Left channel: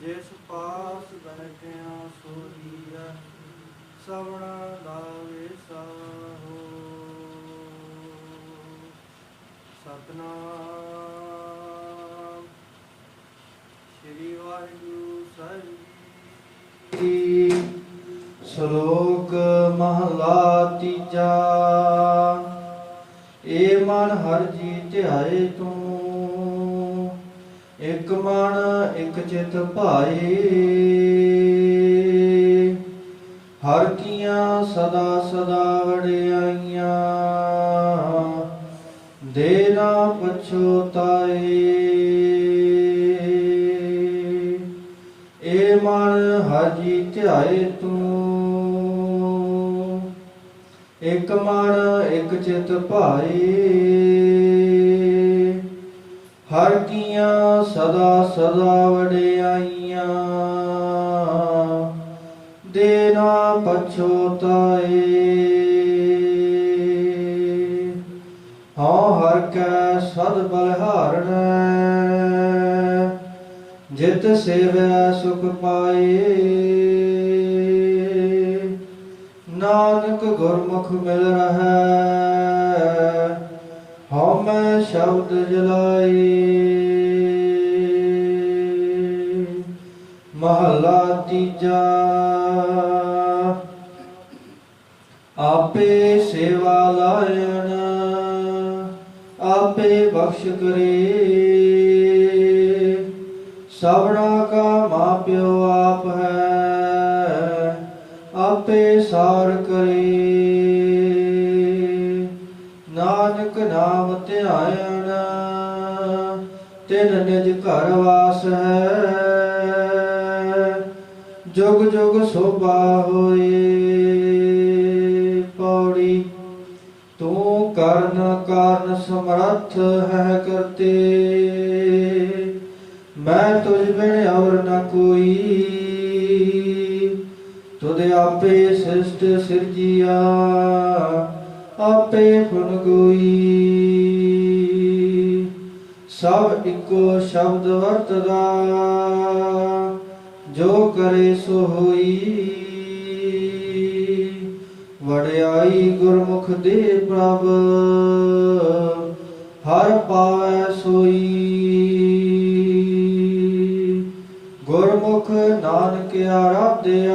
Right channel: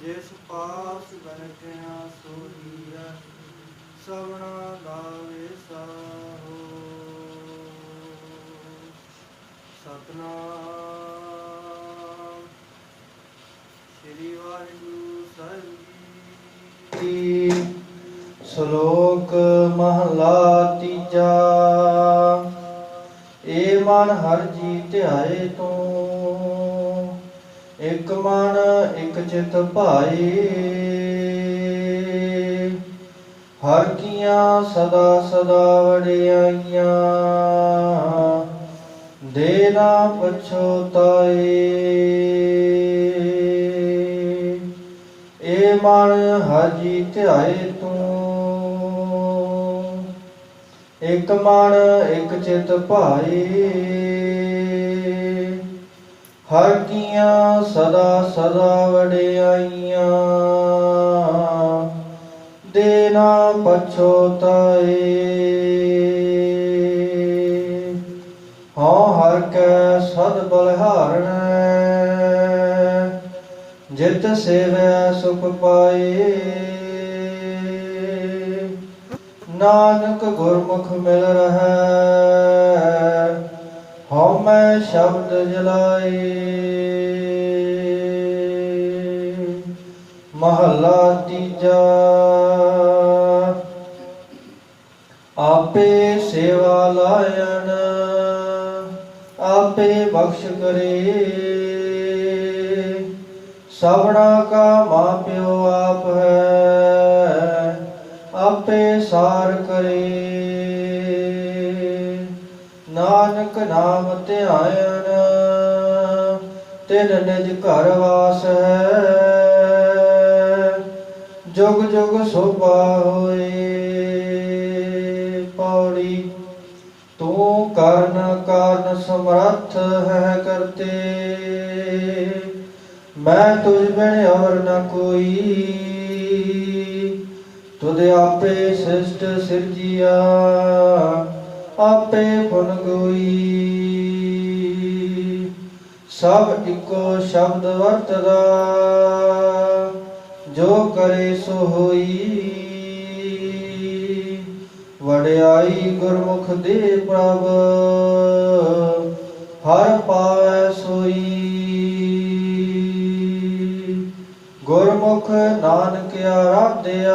ਜਿਸ ਪਾਸ ਬੈਠਿਆ ਸੋਈ ਹੈ ਸਵਣਾ ਦਾ ਵਿਸਾਹੋ ਸਤਨਾਮ ਸ੍ਰੀ ਵਾਹਿਗੁਰੂ ਸਾਹਿਬ ਜੀ। ਸ਼ਲੋਕ ਮਹਲਾ ਤੀਜਾ ਏ ਮਨ ਹਰ ਜੀ ਧਿਆਏ ਤੂੰ, ਇਕ ਮਨ, ਇਕ ਚਿਤ ਭਾਈ ਹਰ ਕੀਆਂ ਸਦਾ ਸਦਾ ਵੜਿਆਈਆਂ ਦੇ ਨਾ ਪਛੋਤਾਏ ਏ ਮਨ ਹਾਜੀ ਧਿਆਏ ਤੂੰ ਇਕ ਮਨ, ਇਕ ਚਿਤ ਭਾਏ ਹਰ ਕੀਆਂ ਸਦਾ ਸਦਾ ਵਡਿਆਈਆਂ। ਦੇ ਨਾ ਪਛੋਤਾਏ ਹਉ ਹਰ ਕੈ ਸਦ ਬਲਿਹਾਰਣ। ਜਿਤ ਸੇਵੈ ਸੁਖ ਪਾਏ। ਨਾਨਕ ਗੁਰਮੁਖ ਮਿਲ ਰਹੈ ਹਉ ਮੈਂ ਸ਼ਬਦ ਜਲਾਏ ਮਹਲਾ ਤੀਜਾ, ਆਪੇ ਸੇਵਾ ਲਾਇਣ, ਆਪੇ ਬਖਸ਼ ਕਰੇ। ਸਭਨਾ ਕਾ ਮਾਪਿਓ ਆਪ ਹੈ ਆਪੇ ਸਾਰ ਕਰੇ। ਨਾਨਕ ਨਾਮ ਧਿਆਇਣ ਤਿਨ ਨਿਜ ਘਰ ਵਾਸ ਹੈ। ਜੁਗ ਜੁਗ ਸੋਭਾ ਹੋਏ, ਪੌੜੀ, ਤੂੰ ਕਰਨ ਕਾਰਨ ਸਮਰੱਥ ਹੈ ਕਰਤੇ। ਮੈਂ ਤੁਝ ਬਿਨ ਔਰ ਨ ਕੋਈ। ਤੁਧ ਆਪੇ ਸ੍ਰਿਸ਼ਟ ਸਿਰਜੀਆ ਆਪੇ ਫੁਨ ਸਭ ਇੱਕੋ ਸ਼ਬਦ ਵਰਤਦਾ, ਜੋ ਕਰੇ ਸੋ ਹੋਈ। ਵਡਿਆਈ ਗੁਰਮੁਖ ਦੇ ਪ੍ਰਭ ਹਰ ਪਾਵੈ ਸੋਈ। ਗੁਰਮੁਖ ਨਾਨਕ ਆਰਾਧਿਆ